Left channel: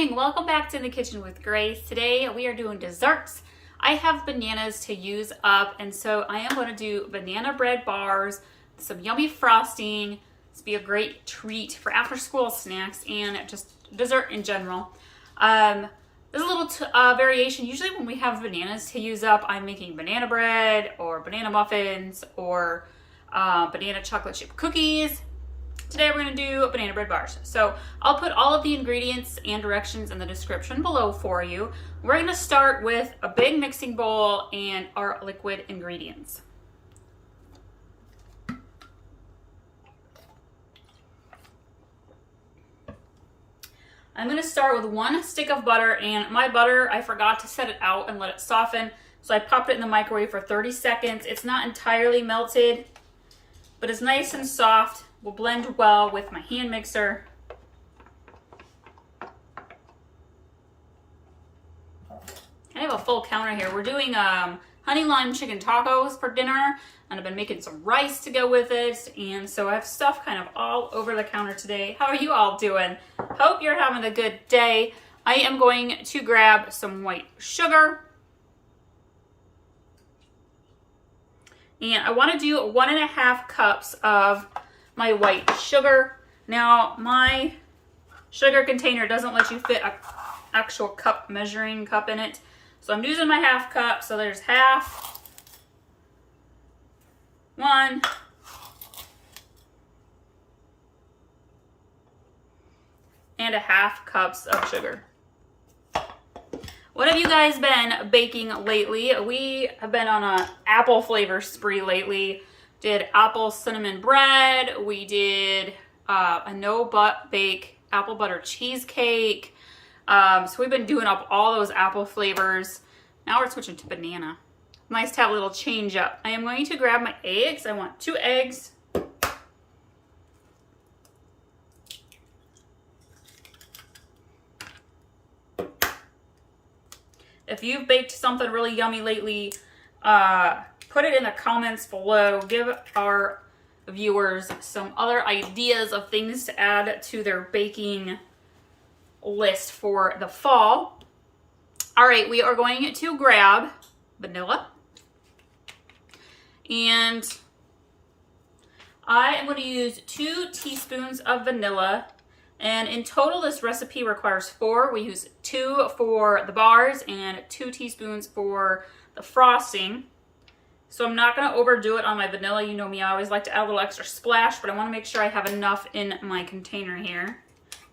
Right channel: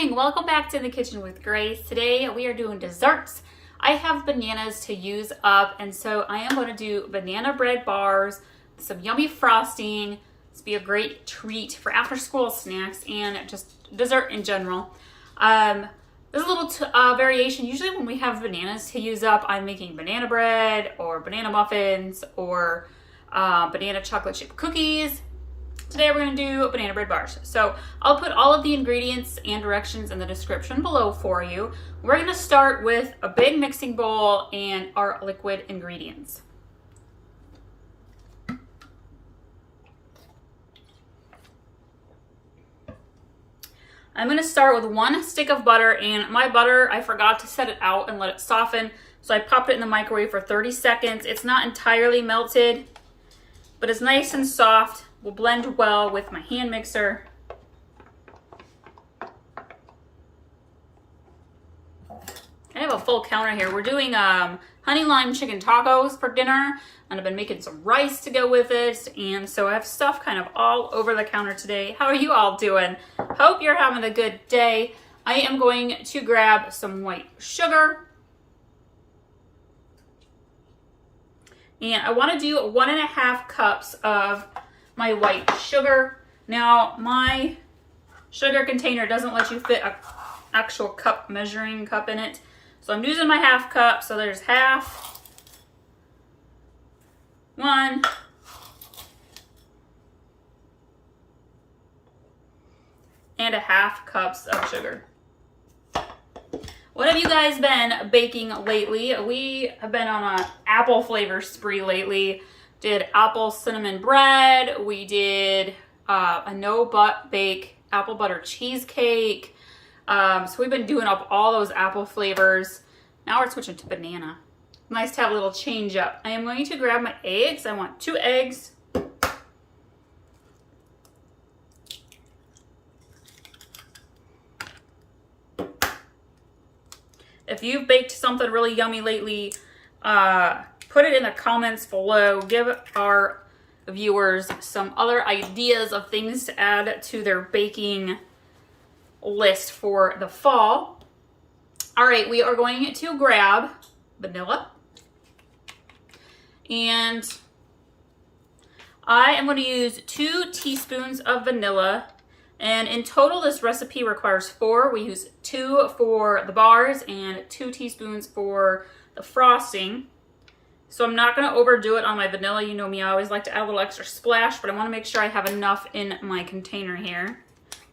morning. Welcome back to the kitchen with Grace. Today we are doing desserts. I have bananas to use up, and so I am going to do banana bread bars, some yummy frosting. This will be a great treat for after school snacks and just dessert in general. There's a little variation. Usually when we have bananas to use up, I'm making banana bread or banana muffins or banana chocolate chip cookies. Today we're going to do banana bread bars. So I'll put all of the ingredients and directions in the description below for you. We're going to start with a big mixing bowl and our liquid ingredients. I'm going to start with 1 stick of butter, and my butter, I forgot to set it out and let it soften. So I popped it in the microwave for 30 seconds. It's not entirely melted, but it's nice and soft. Will blend well with my hand mixer. I have a full counter here. We're doing honey lime chicken tacos for dinner, and I've been making some rice to go with it, and so I have stuff kind of all over the counter today. How are you all doing? Hope you're having a good day. I am going to grab some white sugar. And I want to do 1.5 cups of my white sugar. Now, my sugar container doesn't let you fit an actual measuring cup in it. So I'm using my 1/2 cup. So there's 1/2, 1, and 1/2 cups of sugar. What have you guys been baking lately? We have been on an apple flavor spree lately. Did apple cinnamon bread. We did a no-bake apple butter cheesecake. So we've been doing up all those apple flavors. Now we're switching to banana. Nice to have a little change up. I am going to grab my eggs. I want 2 eggs. If you've baked something really yummy lately, put it in the comments below. Give our viewers some other ideas of things to add to their baking list for the fall. All right, we are going to grab vanilla. And I am going to use 2 teaspoons of vanilla. And in total, this recipe requires 4. We use 2 for the bars and 2 teaspoons for the frosting. So I'm not going to overdo it on my vanilla. You know me, I always like to add a little extra splash, but I want to make sure I have enough in my container here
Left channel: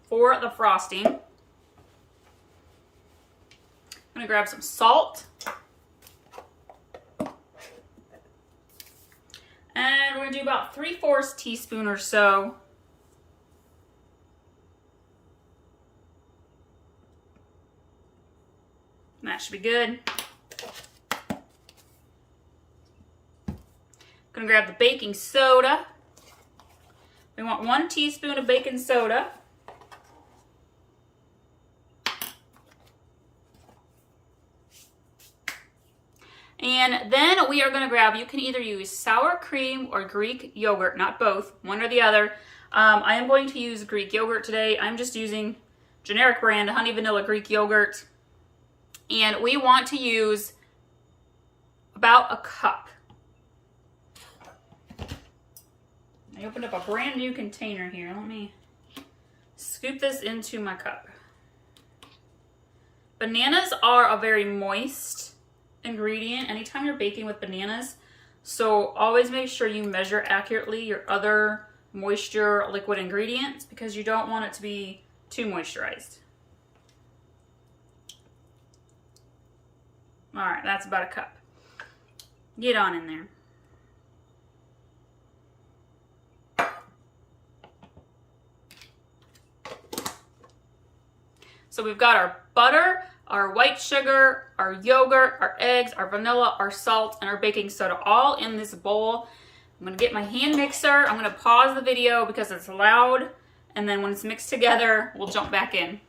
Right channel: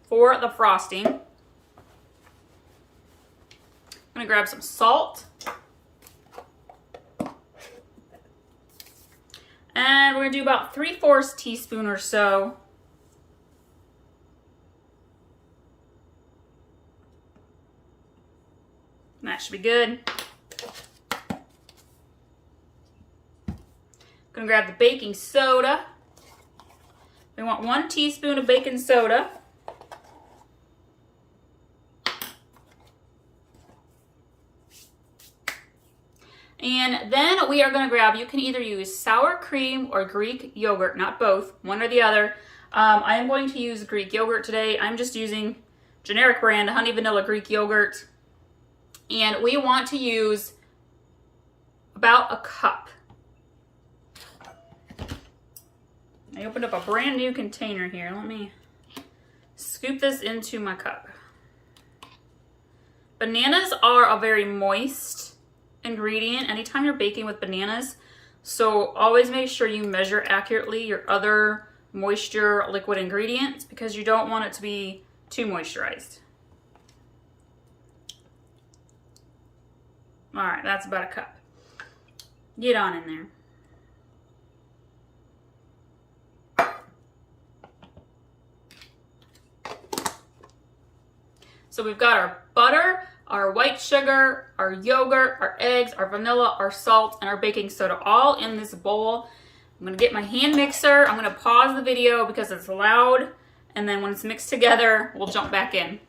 for the frosting. I'm going to grab some salt. And we're going to do about 3/4 teaspoon or so. And that should be good. Gonna grab the baking soda. We want 1 teaspoon of baking soda. And then we are gonna grab, you can either use sour cream or Greek yogurt, not both, one or the other. I am going to use Greek yogurt today. I'm just using generic brand honey vanilla Greek yogurt. And we want to use about 1 cup. I opened up a brand new container here. Let me scoop this into my cup. Bananas are a very moist ingredient anytime you're baking with bananas. So always make sure you measure accurately your other moisture liquid ingredients because you don't want it to be too moisturized. All right, that's about 1 cup. Get on in there. So we've got our butter, our white sugar, our yogurt, our eggs, our vanilla, our salt, and our baking soda all in this bowl. I'm gonna get my hand mixer. I'm gonna pause the video because it's loud, and then when it's mixed together, we'll jump back in.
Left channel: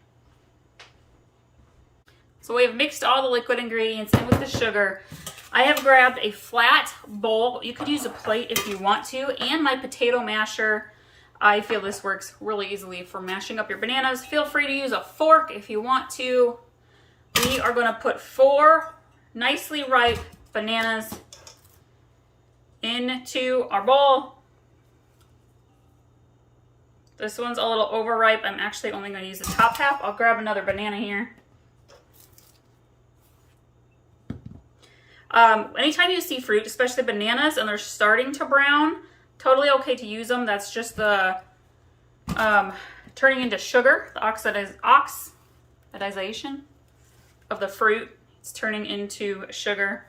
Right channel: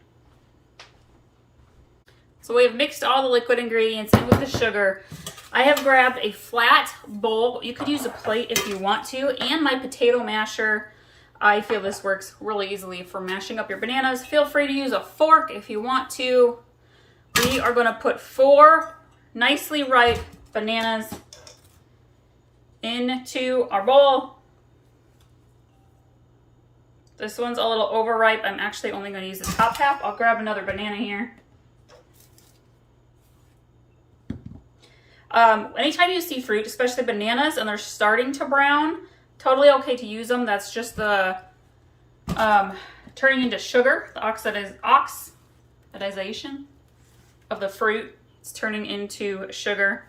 So we have mixed all the liquid ingredients in with the sugar. I have grabbed a flat bowl. You could use a plate if you want to, and my potato masher. I feel this works really easily for mashing up your bananas. Feel free to use a fork if you want to. We are going to put 4 nicely ripe bananas into our bowl. This one's a little overripe. I'm actually only going to use the top half. I'll grab another banana here. Anytime you see fruit, especially bananas, and they're starting to brown, totally okay to use them. That's just the turning into sugar, the oxidization of the fruit. It's turning into sugar.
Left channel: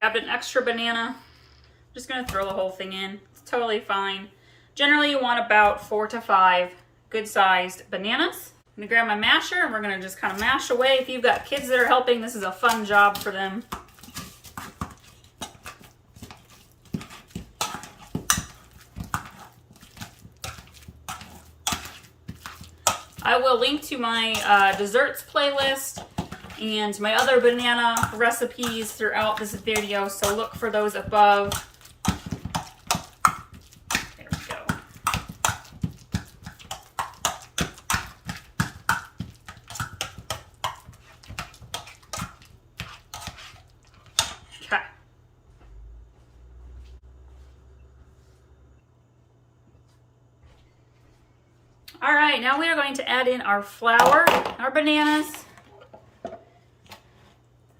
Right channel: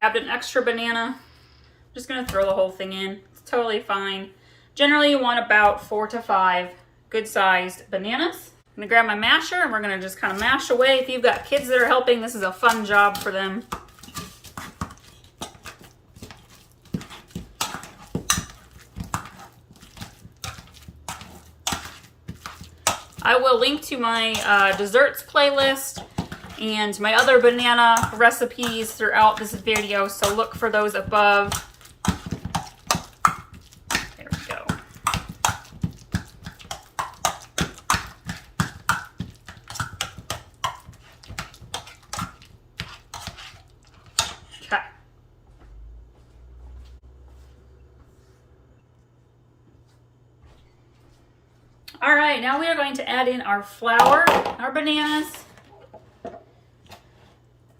Grabbed an extra banana. I'm just going to throw the whole thing in. It's totally fine. Generally, you want about 4 to 5 good-sized bananas. I'm going to grab my masher and we're going to just kind of mash away. If you've got kids that are helping, this is a fun job for them. I will link to my desserts playlist and my other banana recipes throughout this video, so look for those above. There we go. Okay. All right, now we are going to add in our flour, our bananas.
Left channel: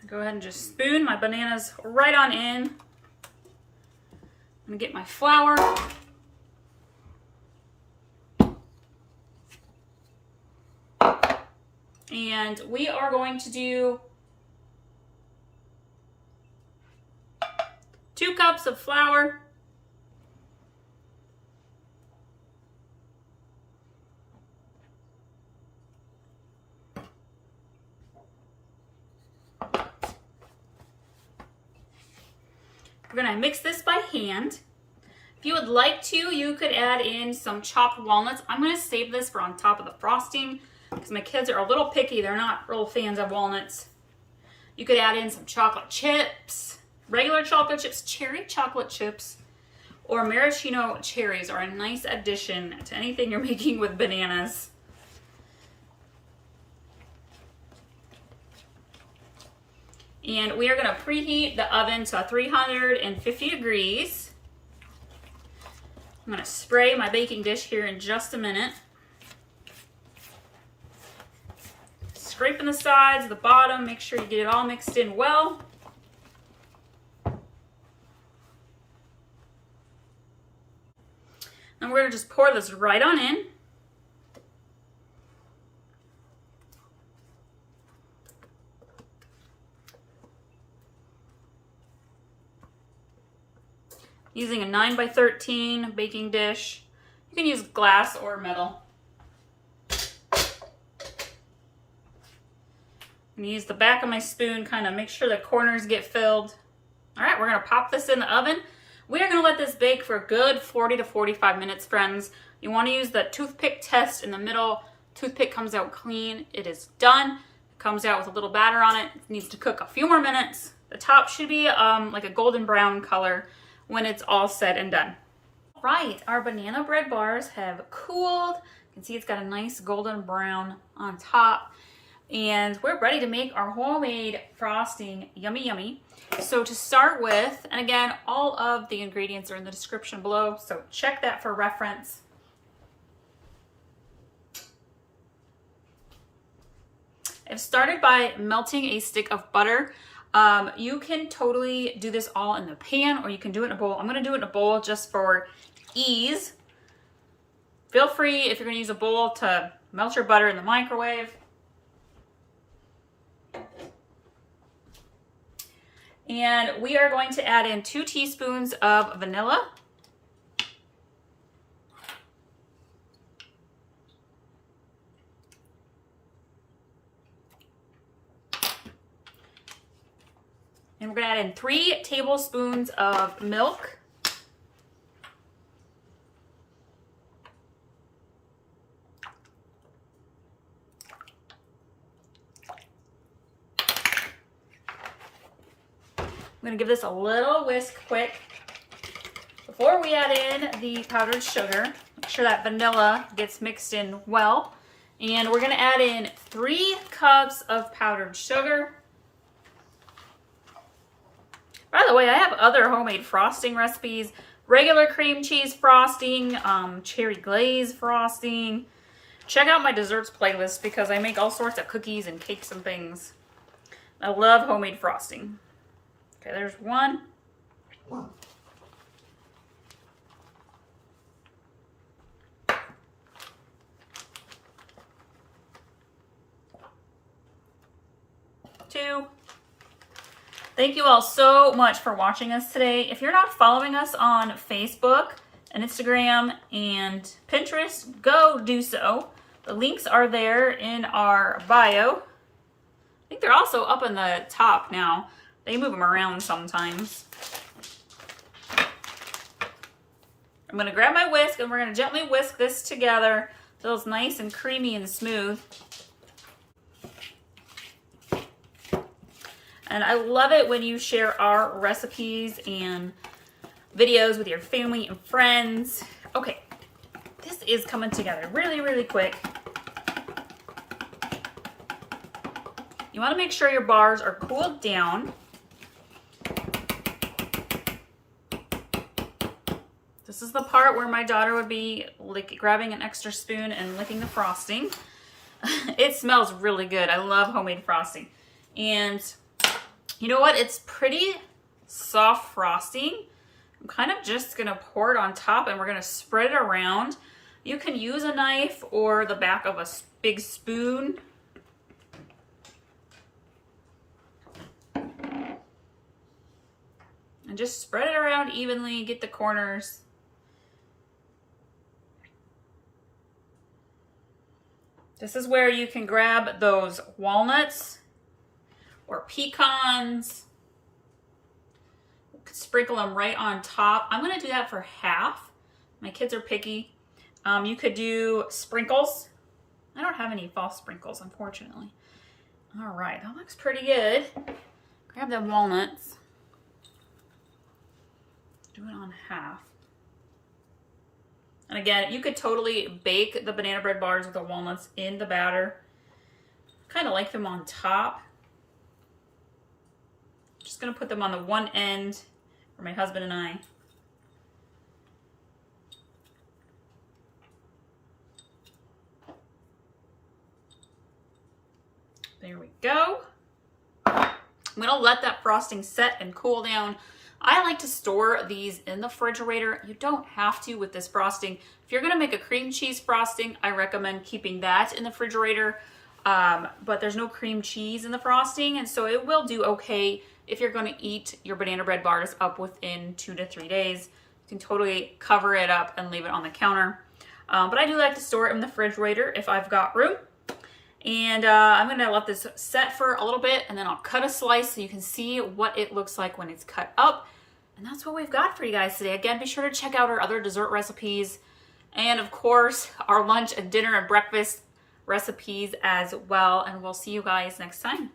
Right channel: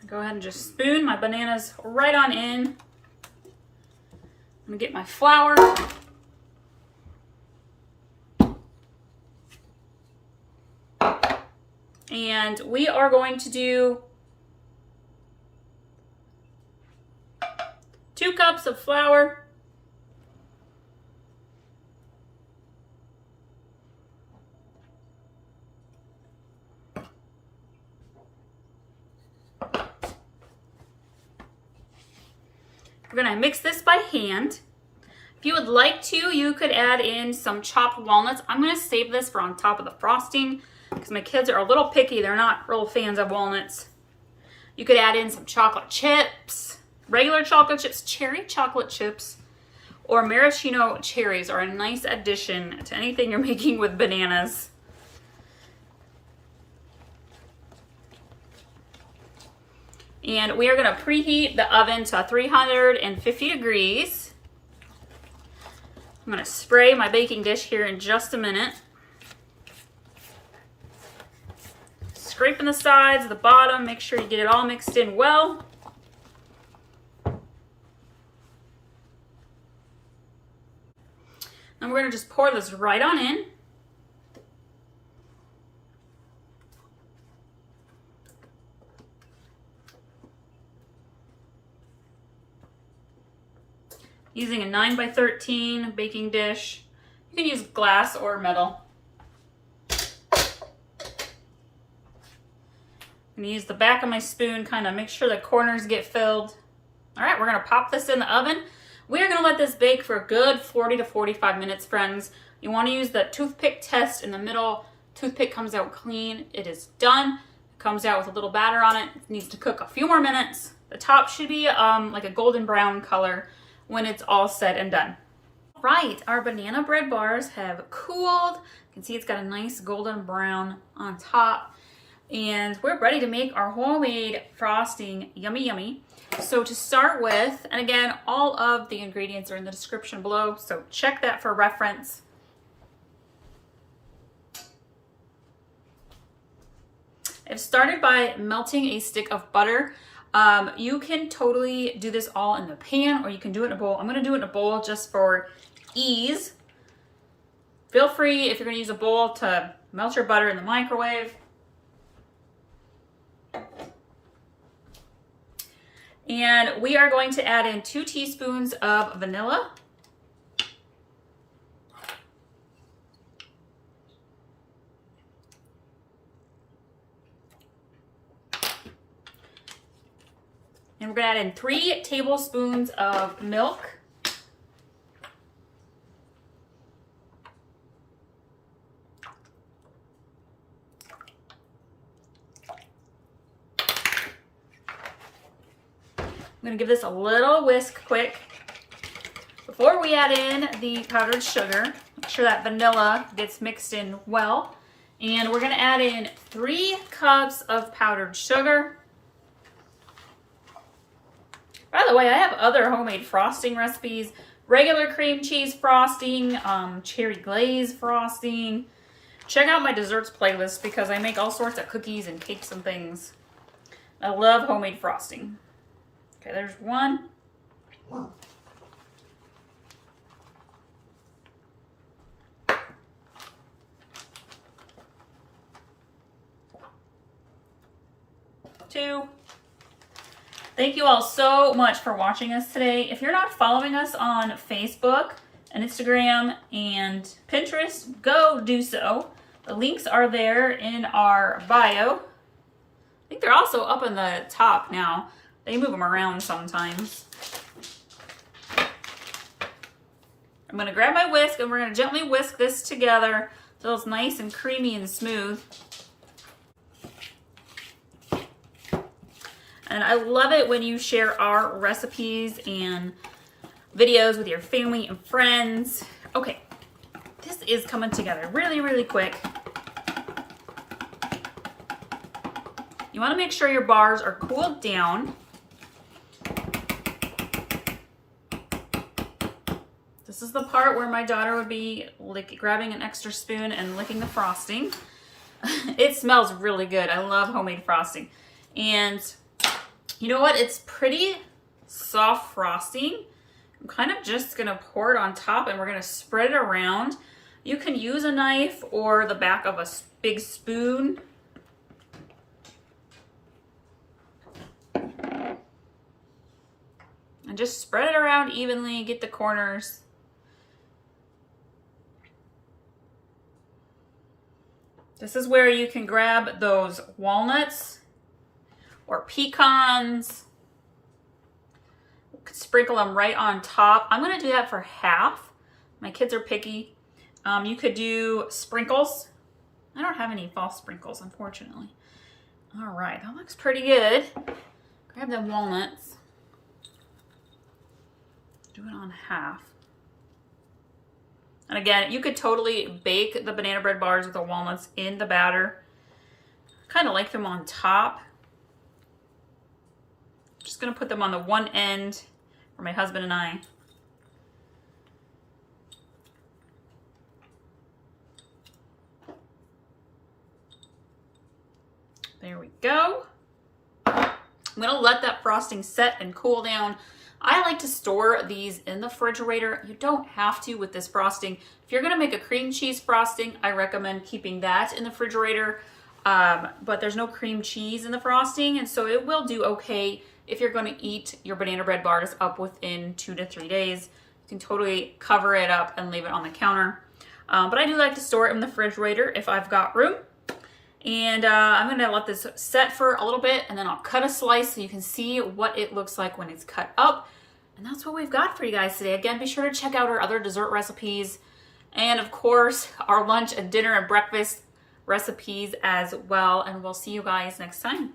Go ahead and just spoon my bananas right on in. I'm gonna get my flour. And we are going to do 2 cups of flour. We're gonna mix this by hand. If you would like to, you could add in some chopped walnuts. I'm gonna save this for on top of the frosting because my kids are a little picky. They're not real fans of walnuts. You could add in some chocolate chips, regular chocolate chips, cherry chocolate chips, or maraschino cherries are a nice addition to anything you're making with bananas. And we are going to preheat the oven to 350 degrees. I'm going to spray my baking dish here in just a minute. Scraping the sides, the bottom, make sure you get it all mixed in well. And we're going to just pour this right on in. Using a 9x13 baking dish. You can use glass or metal. I'm gonna use the back of my spoon, kind of make sure the corners get filled. All right, we're gonna pop this in the oven. We are gonna let this bake for a good 40 to 45 minutes, friends. You wanna use the toothpick test in the middle. Toothpick comes out clean, it is done. It comes out with a little batter on it. It needs to cook a few more minutes. The top should be like a golden brown color when it's all said and done. Right, our banana bread bars have cooled. You can see it's got a nice golden brown on top. And we're ready to make our homemade frosting. Yummy, yummy. So to start with, and again, all of the ingredients are in the description below, so check that for reference. I've started by melting a stick of butter. You can totally do this all in the pan or you can do it in a bowl. I'm going to do it in a bowl just for ease. Feel free, if you're going to use a bowl, to melt your butter in the microwave. And we are going to add in 2 teaspoons of vanilla. And we're going to add in 3 tablespoons of milk. I'm going to give this a little whisk quick. Before we add in the powdered sugar, make sure that vanilla gets mixed in well. And we're gonna add in 3 cups of powdered sugar. By the way, I have other homemade frosting recipes, regular cream cheese frosting, cherry glaze frosting. Check out my desserts playlist because I make all sorts of cookies and cakes and things. I love homemade frosting. Okay, there's 1. 2. Thank you all so much for watching us today. If you're not following us on Facebook and Instagram and Pinterest, go do so. The links are there in our bio. I think they're also up in the top now. They move them around sometimes. I'm going to grab my whisk and we're going to gently whisk this together until it's nice and creamy and smooth. And I love it when you share our recipes and videos with your family and friends. Okay, this is coming together really, really quick. You want to make sure your bars are cooled down. This is the part where my daughter would be grabbing an extra spoon and licking the frosting. It smells really good. I love homemade frosting. And you know what? It's pretty soft frosting. I'm kind of just going to pour it on top and we're going to spread it around. You can use a knife or the back of a big spoon. And just spread it around evenly, get the corners. This is where you can grab those walnuts or pecans. Sprinkle them right on top. I'm gonna do that for half. My kids are picky. You could do sprinkles. I don't have any false sprinkles, unfortunately. All right, that looks pretty good. Grab the walnuts. Do it on half. And again, you could totally bake the banana bread bars with the walnuts in the batter. Kind of like them on top. Just gonna put them on the one end for my husband and I. There we go. I'm gonna let that frosting set and cool down. I like to store these in the refrigerator. You don't have to with this frosting. If you're gonna make a cream cheese frosting, I recommend keeping that in the refrigerator. But there's no cream cheese in the frosting, and so it will do okay if you're gonna eat your banana bread bars up within 2 to 3 days. You can totally cover it up and leave it on the counter. But I do like to store it in the refrigerator if I've got room. And I'm gonna let this set for a little bit and then I'll cut a slice so you can see what it looks like when it's cut up. And that's what we've got for you guys today. Again, be sure to check out our other dessert recipes and of course our lunch and dinner and breakfast recipes as well. And we'll see you guys next time.